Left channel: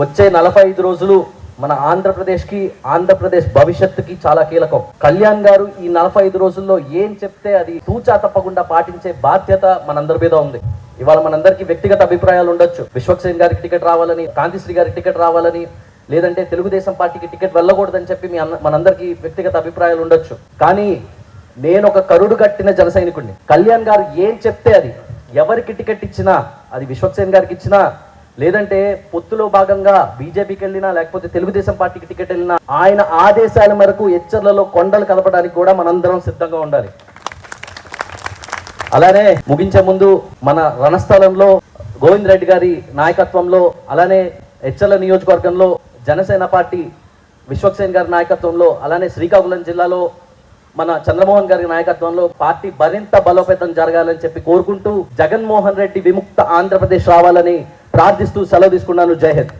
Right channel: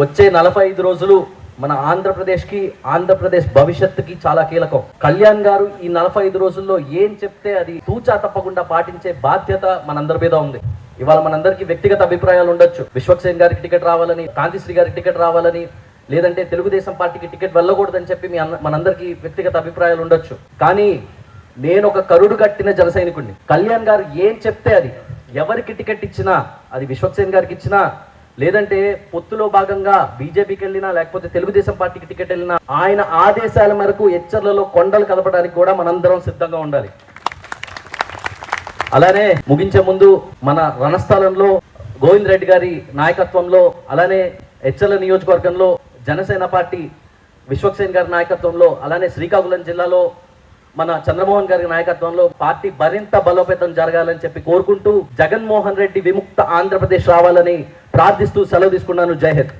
వచ్చే 45 రోజులు మన ఆంధ్రప్రదేశ్ భవిష్యత్తుకి చాలా కీలకం. కళ్యాణ్ గారు ఈ 45 రోజుల్లో ఏం చెప్తే అది తూచా తప్పకుండా పాటించే బాధ్యత మనందరి మీద ఉంది. ఇవాళ మనందరికీ వ్యక్తిగత అభిప్రాయాలు ఉండొచ్చు. విశ్వక్సేన్ గారికి టికెట్ రావాలని, కాంతిశ్రీ గారికి టికెట్ రావాలని, లేదంటే తెలుగుదేశం పార్టీకి టికెట్ వెళ్ళకూడదని చెప్పి మనందరికీ వ్యక్తిగత అభిప్రాయాలు ఉండొచ్చు. కానీ నేను ఒక కరుడు కట్టిన జన సైనికుడిని. కళ్యాణ్ గారు ఏం చెప్తే అది, ఎవరికి టికెట్ ఇచ్చినా, అది విశ్వక్సేన్ గారికి ఇచ్చినా, లేదంటే పొత్తులో భాగంగా బీజేపీకి వెళ్ళినా, లేకపోతే తెలుగుదేశం పార్టీకి టికెట్ వెళ్ళినా, ఆయన ఆదేశాల మేరకు ఎచ్చర్లలో కొండలు కలపడానికి కూడా మనందరం సిద్ధంగా ఉండాలి. అలానే ముగించే ముందు మన రణస్థలంలో గోవింద్ రెడ్డి గారి నాయకత్వంలో, అలానే ఎచ్చర్ల నియోజకవర్గంలో జనసేన పార్టీ విశ్వక్సేన్ గారి నాయకత్వంలో, అలానే శ్రీకాకుళం జిల్లాలో మన చంద్రమోహన్ గారి నాయకత్వంలో పార్టీ మరింత బలోపేతం జరగాలని చెప్పి కోరుకుంటూ జగన్మోహన్ రెడ్డి విముక్త ఆంధ్రప్రదేశ్ రావాలని ప్రార్థిస్తూ సెలవు తీసుకున్నాను. జై హింద్.